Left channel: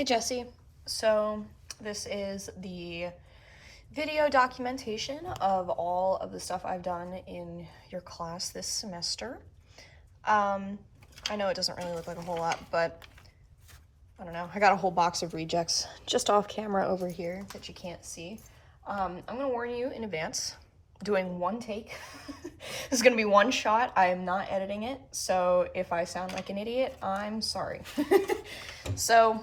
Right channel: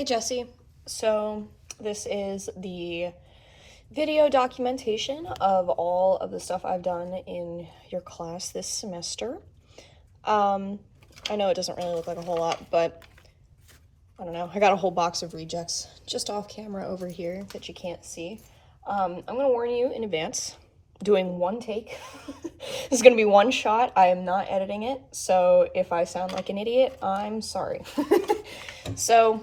Hey Jesse, so this is the video documentation of all of the stuff I've done in your class this semester. I know it doesn't really look like a whole lot, but I don't know, I got a whole box of rejects just off camera over here that you can't see. I'm gonna warn you in advance, doing one take. This is gonna be one shot. I am not editing it, so if I sound like an idiot, I'm sorry. So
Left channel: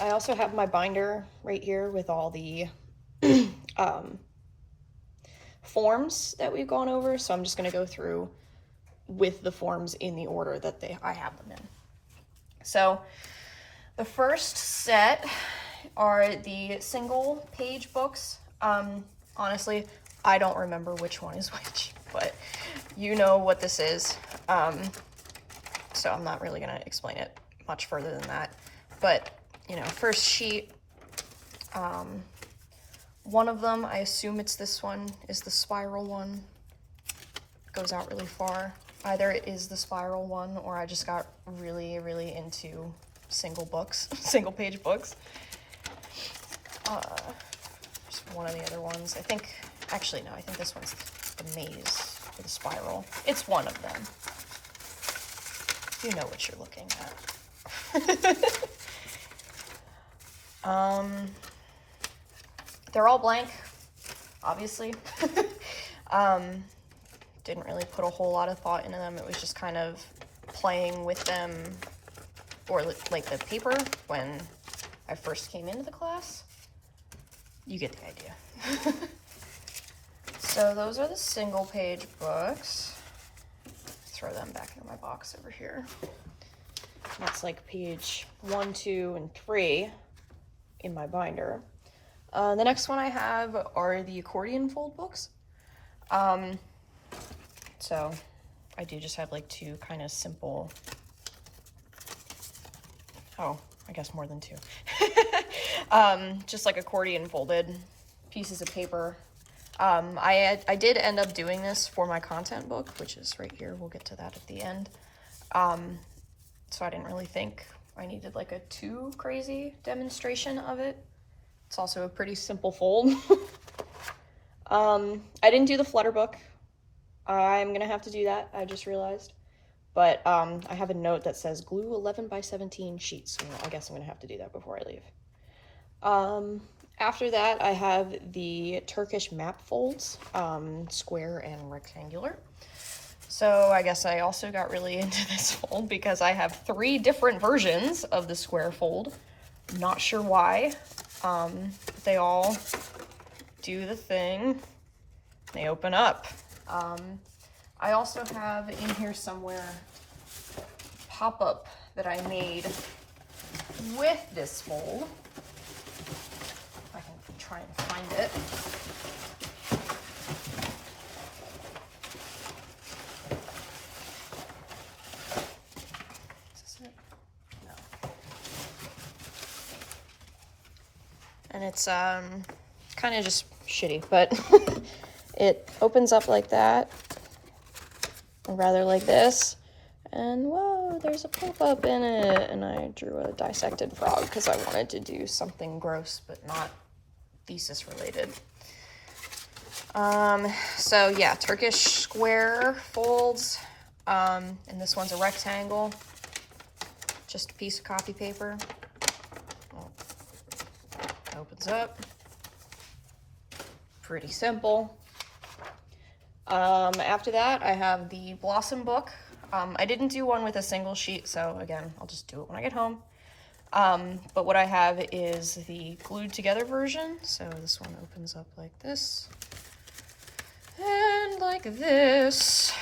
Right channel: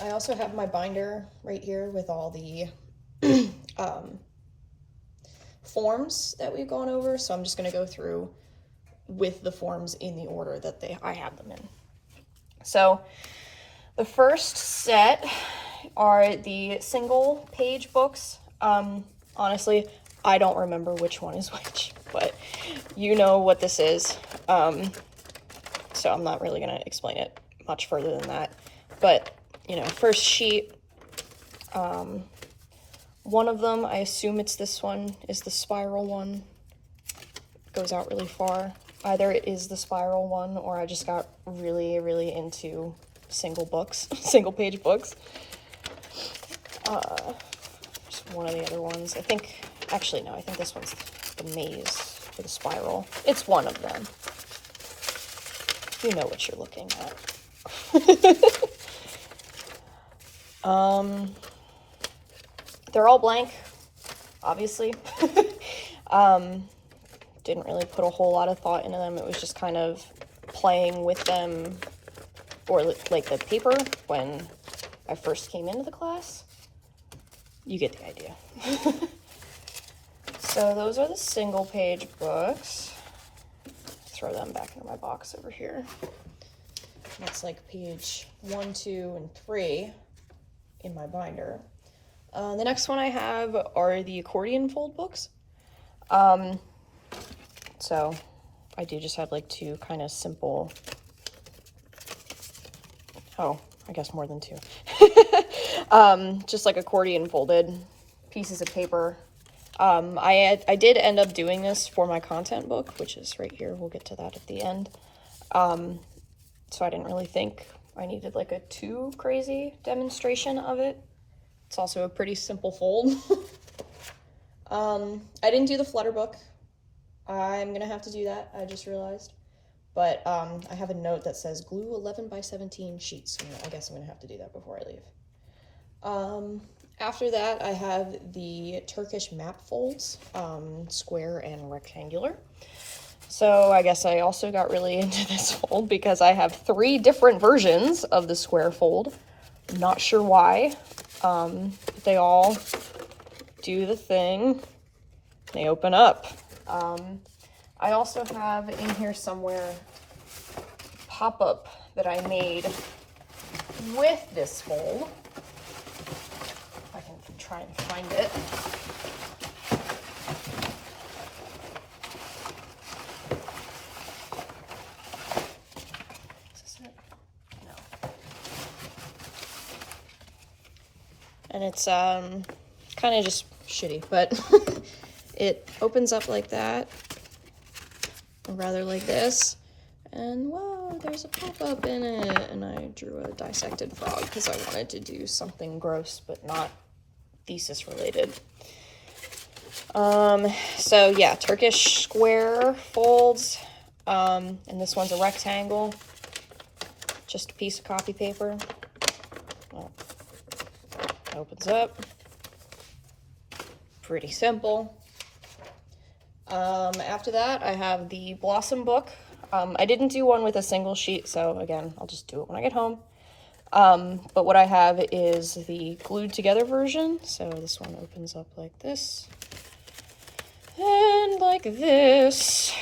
I also have my binder right here with all the forms that we've gone over, so I'm just going to go through with the forms in the order that I have them in. So the first set are the single page books. Honestly, I don't remember which one is which, but you know what this is. So I'm not really going to explain it much further than that. But, you know, first sheet, one of them, I assume it's this one, is the spiral one. It goes out really far. Either it is the spiral one, or I just got really, really into single books, single page books. Just one of the other ones. I think, actually no, I think this one's the maze or the spiral. It's one of them. You know what you're looking at. They're all blank, obviously. Didn't really put a whole lot of thought into them. It was just kind of playing with them, or like the paper when I first came into the class. You get the idea. So those are the single page books. Throw them back into my box over here. That's like page 1, 2, and 3 in my binder. The next one I have are the accordion fold books. So I do just have like two kind of simple, oh, I guess more than two. Just like accordion folded pieces of paper. I did end up doing this for my content book, which is right here. We'll get to that at the end. So I didn't really think I needed like a too crazy demonstration of it. It's also a pretty simple fold. I didn't do the flutter book. I'm gonna have to do that, I just realized. But I have a note that says glue 11 by 17 sheets. So I guess I'm gonna have to do that before I leave. After that, I have the Turkish map folds, square and rectangular. So I guess I also got really into this fold because I have 3 different versions of the square fold. I'm not sure why. They all do the thing. They open up. I also have in here somewhere a pop-up that I made with this fold. I can try and find it. And it's kind of just shitty, but it opens up like that, or rather like this, and whoa, there's a pop-up in it, and I drew a dissected frog because I wanted to do something gross but not thesis related. So yeah, Turkish square folds, and this one's a rectangle, just a piece of copy paper. Well, opens up. Pretty simple. After that, I have the Blossom book. I didn't do one with a single sheet, so again, I'll just do it when I get home. But what I have is the glued together version. So this one opens up like this. And like this.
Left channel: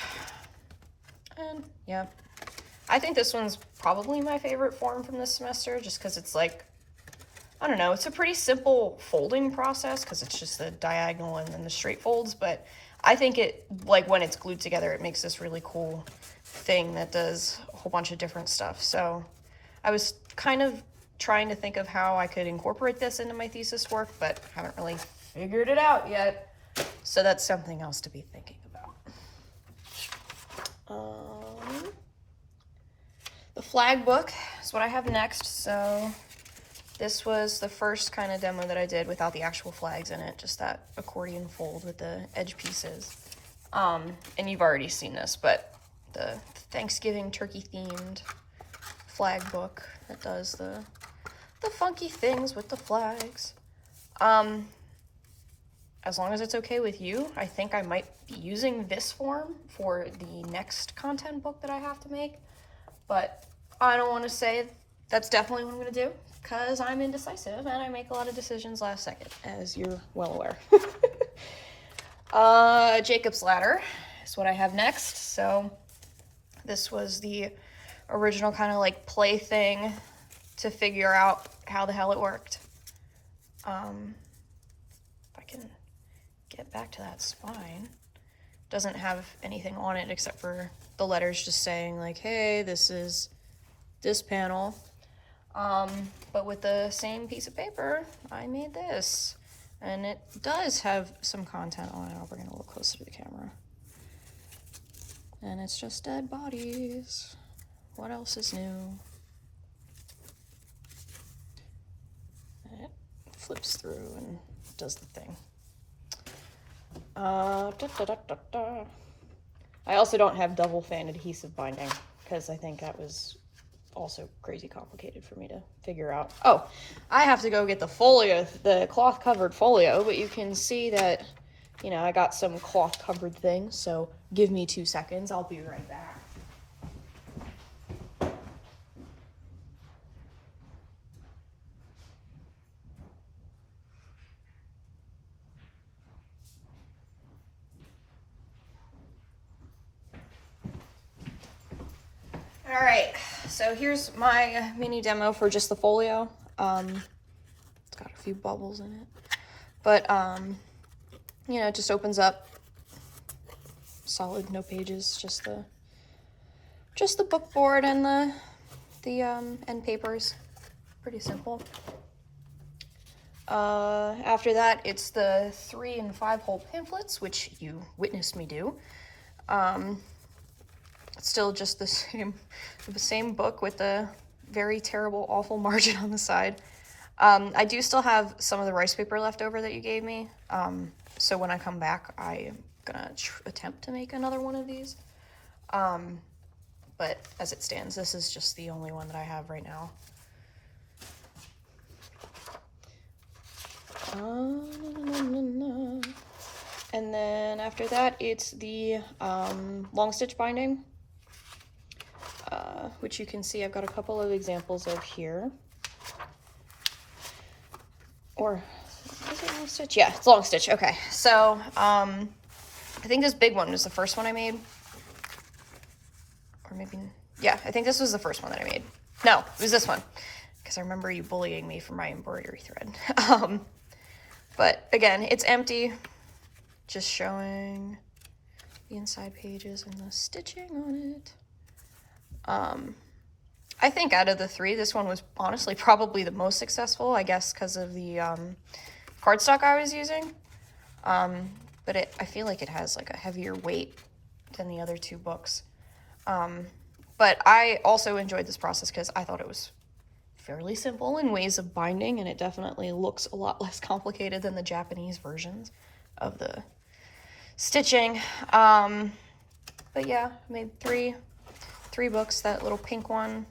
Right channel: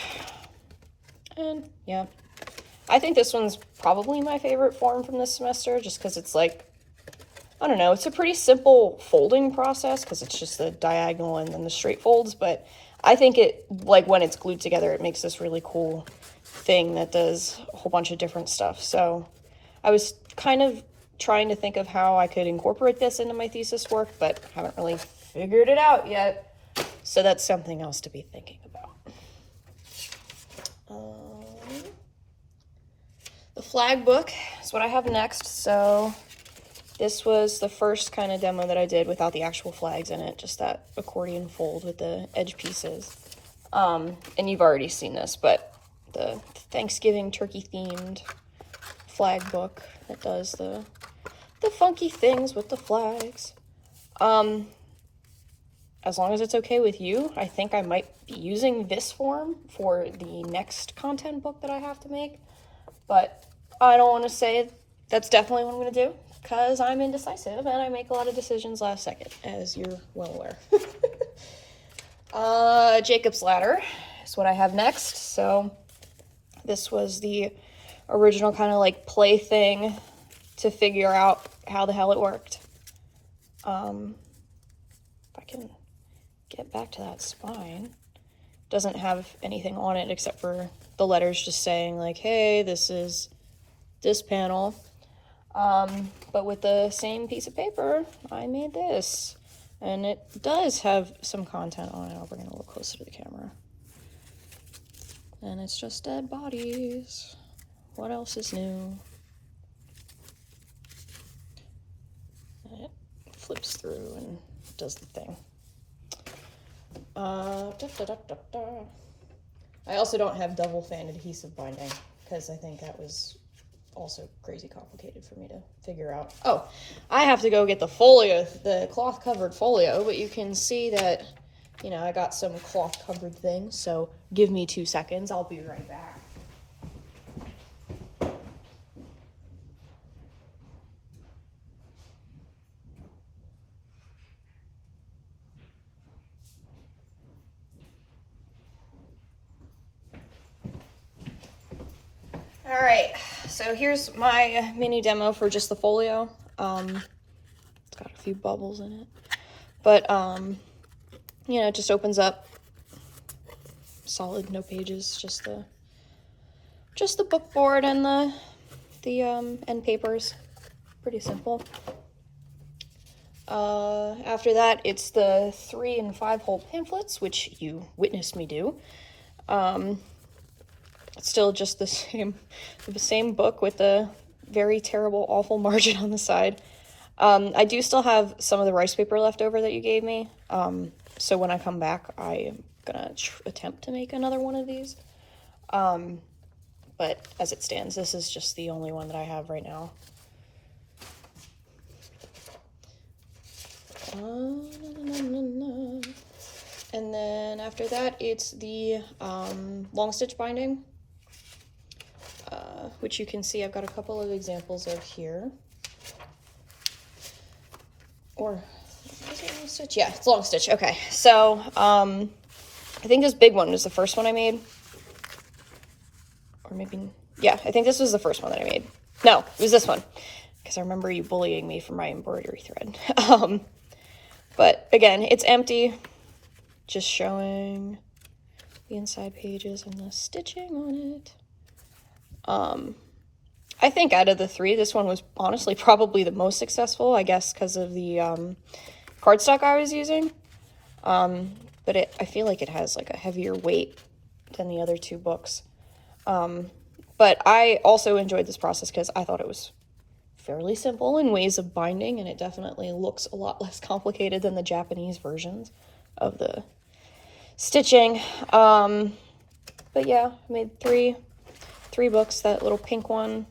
And yeah. I think this one's probably my favorite form from this semester, just because it's like, I don't know, it's a pretty simple folding process because it's just the diagonal and then the straight folds, but I think it, like when it's glued together, it makes this really cool thing that does a whole bunch of different stuff. So I was kind of trying to think of how I could incorporate this into my thesis work, but haven't really figured it out yet. So that's something else to be thinking about. The flag book is what I have next. So This was the first kind of demo that I did without the actual flags in it, just that accordion fold with the edge pieces. And you've already seen this, but the Thanksgiving turkey themed flag book that does the funky things with the flags. As long as it's okay with you, I think I might be using this form for the next content book that I have to make, but I don't want to say that's definitely what I'm going to do, because I'm indecisive and I make a lot of decisions last second, as you're well aware. Jacob's Ladder is what I have next. So this was the original kind of like play thing to figure out how the hell it worked. If I can get back to that spine. Doesn't have anything on it except for the letters just saying like, hey, this is this panel. But with the same piece of paper, I made this. And it does have some content on it. I'll bring it a little closer to the camera. And it's just dead bodies. What else is new? And it flips through and does the thing. I also don't have double fan adhesive binding because I think that was also crazy complicated for me to figure out. Oh, I have to go get the folio, the cloth covered folio, but you can see that, you know, I got some cloth covered things, so give me 2 seconds. I'll be right back. All right, so here's my mini demo for just the folio. It's got a few bubbles in it, but you know, it just opens up solid, no pages, just the book board and the end papers. Pretty simple. After that, it's the 3 and 5 hole pamphlets, which you witnessed me do. It's still just the same book with a very terrible, awful margin on the side. I do still have some of the rice paper left over that you gave me. So when I come back, I am gonna attempt to make another one of these. But as it stands, this is just the only one that I have right now. And then after that, it's the long stitch binding, which you can see I've got a couple of examples of here. Or is it long stitch? Yeah, it's long stitch. Okay, so I think this big one was the first one I made. Or maybe, yeah, I think this was the first one that I made. No, it was this one, because I remember you bullying me for my embroidery thread. But again, it's empty, just showing the inside pages and the stitching on it. I think out of the 3, this one was honestly probably the most successful, I guess because of the cardstock I was using. But I feel like it has like a heavier weight than the other 2 books. But I also enjoyed this process because I thought it was fairly simple in ways of binding, and it definitely looks a lot less complicated than the Japanese versions of the stitching. But yeah, I made three books. That little pink one.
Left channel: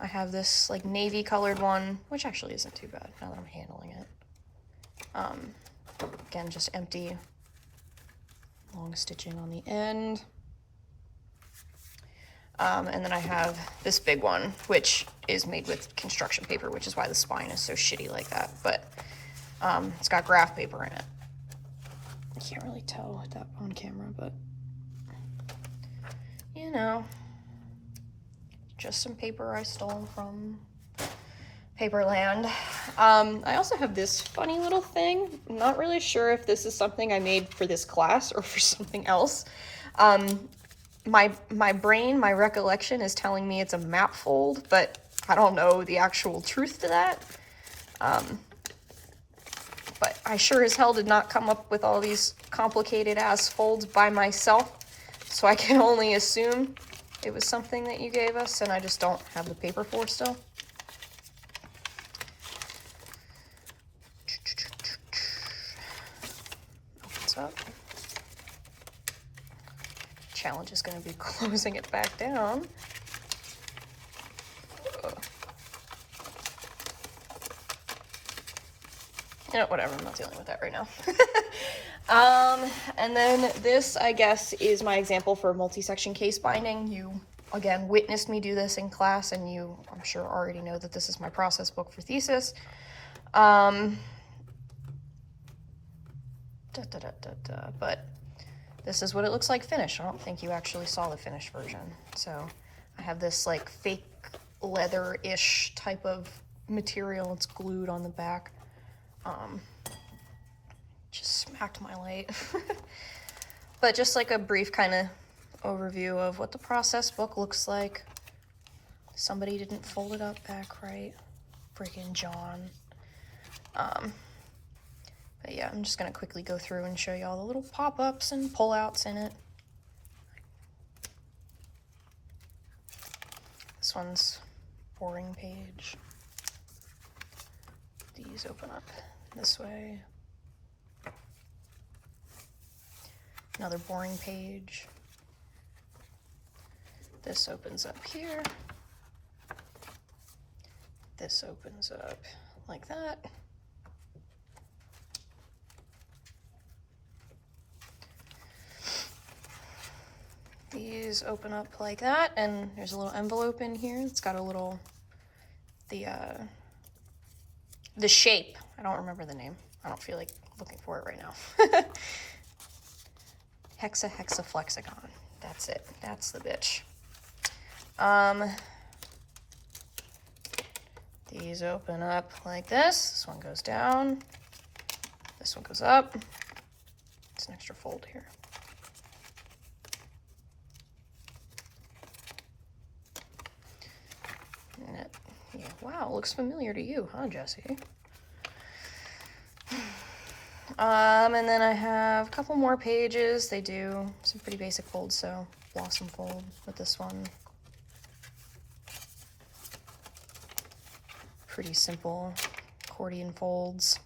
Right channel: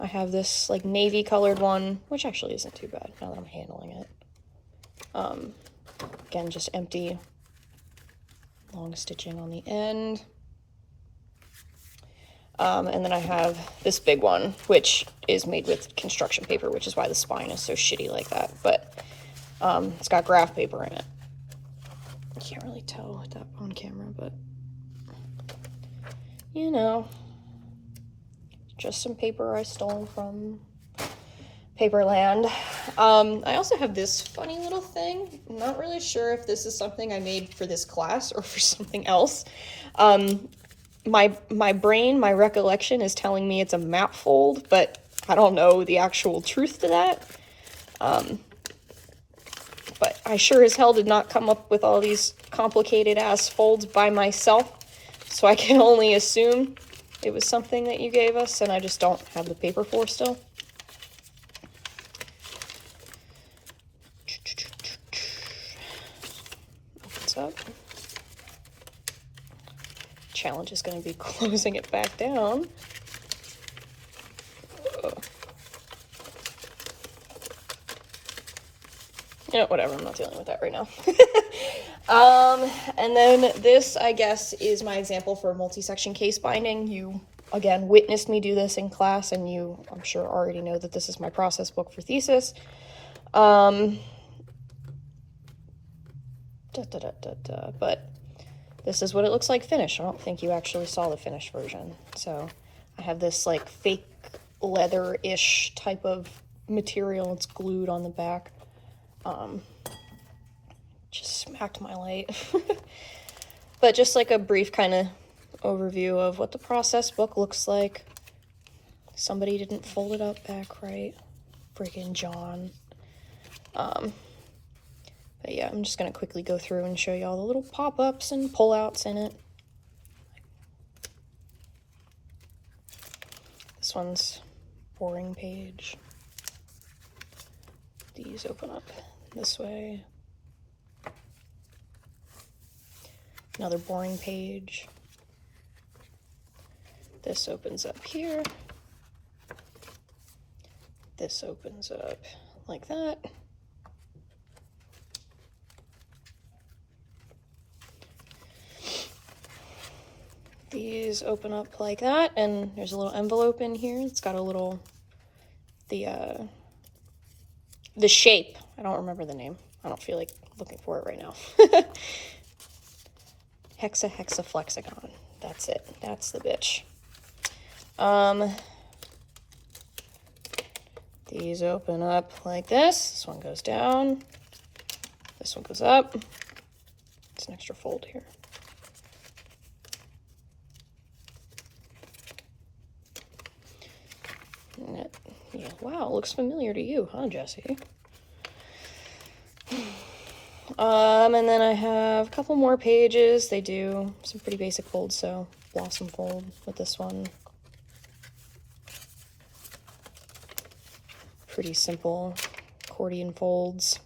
I have this like navy colored one, which actually isn't too bad now that I'm handling it. Again, just empty, long stitching on the end. And then I have this big one, which is made with construction paper, which is why the spine is so shitty like that. But it's got graph paper in it. You can't really tell with that on camera, but you know, just some paper I stole from Paperland. I also have this funny little thing. I'm not really sure if this is something I made for this class or for something else. My brain, my recollection is telling me it's a map fold, but I don't know the actual truth to that. But I sure as hell did not come up with all these complicated ass folds by myself, so I can only assume it was something that you gave us and I just don't have the paper for still. up. Challenge is going to be closing it back down. You know, whatever, I'm not dealing with that right now. And then this, I guess, is my example for multi-section case binding. You, again, witnessed me do this in class, and you, I'm sure, already know that this is my process book for thesis. But this is what it looks like finished. I don't think you actually saw the finished version. So I have this like fake leather-ish type of material. It's glued on the back. Just smacked my light. But just like a brief kind of overview of what the process book looks like. Somebody didn't fold it up back right. Friggin' John. But yeah, I'm just gonna quickly go through and show you all the little pop-ups and pull-outs in it. This one's boring page. These open up this way. Another boring page. This opens up here. This opens up like that. These open up like that, and there's a little envelope in here. It's got a little, the shape. I don't remember the name. I don't feel like looking for it right now. Hexaflexagon. That's it. That's the bitch. These open up like this. This one goes down. This one goes up. It's an extra fold here. Yeah, wow, it looks familiar to you, huh, Jesse? And then I have a couple more pages. They do some pretty basic folds, so blossom fold with this one. Pretty simple accordion folds.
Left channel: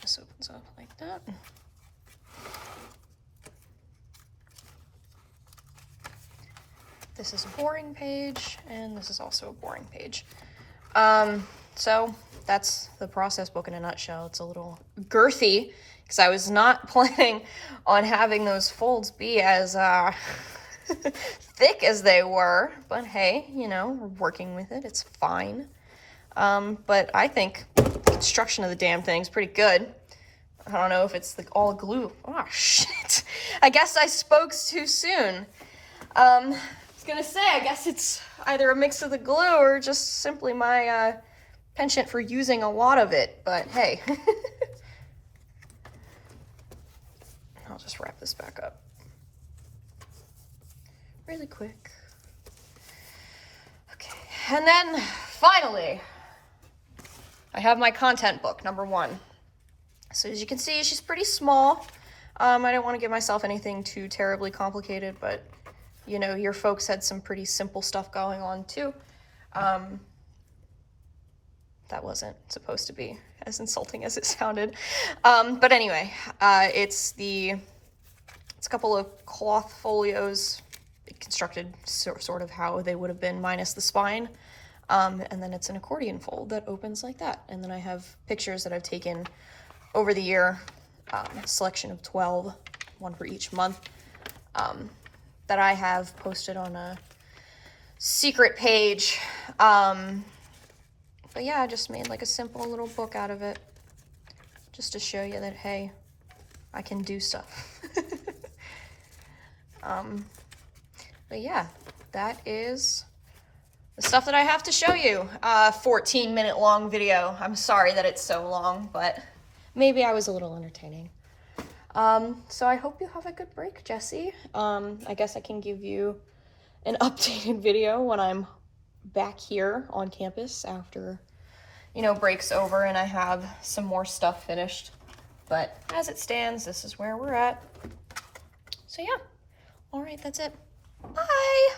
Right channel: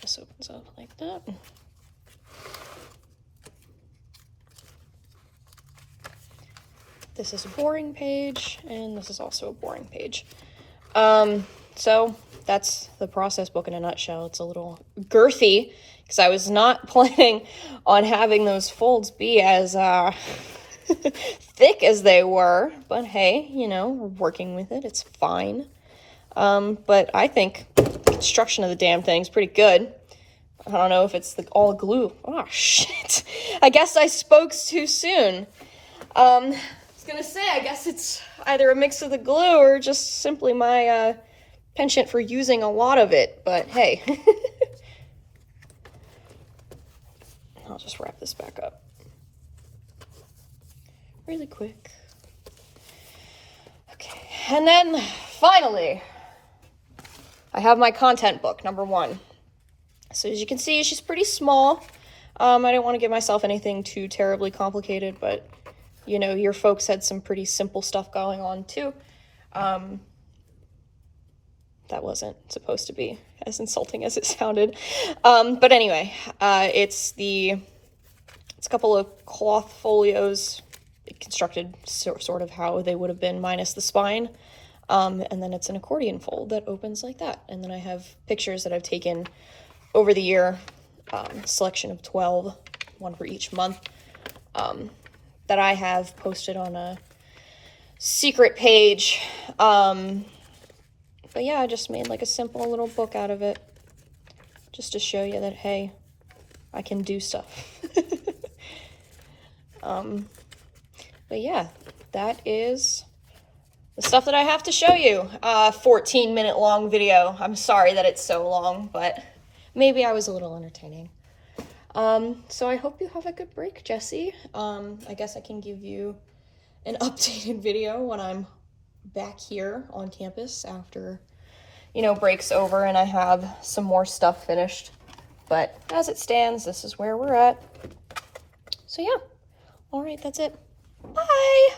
This opens up like that. This is a boring page, and this is also a boring page. So that's the process book in a nutshell. It's a little girthy, because I was not planning on having those folds be as thick as they were. But hey, you know, we're working with it. It's fine. But I think the construction of the damn thing's pretty good. I don't know if it's all glue. Oh, shit. I guess I spoke too soon. Gonna say, I guess it's either a mix of the glue or just simply my penchant for using a lot of it, but hey. I'll just wrap this back up really quick. Okay, and then finally I have my content book, number 1. So as you can see, she's pretty small. I don't want to give myself anything too terribly complicated, but you know, your folks had some pretty simple stuff going on too. That wasn't supposed to be as insulting as it sounded. But anyway, it's a couple of cloth folios constructed sort of how they would have been minus the spine. And then it's an accordion fold that opens like that. And then I have pictures that I've taken over the year, a selection of 12, one for each month. That I have posted on a secret page. But yeah, I just made like a simple little book out of it. Just to show you that, hey, I can do stuff. But yeah, that is the stuff that I have to show you. 14-minute long video. I'm sorry that it's so long, but maybe I was a little entertaining. So I hope you have a good break, Jesse. I guess I can give you an updated video when I'm back here on campus after, you know, break's over and I have some more stuff finished. But as it stands, this is where we're at. So yeah. All right, that's it. Bye.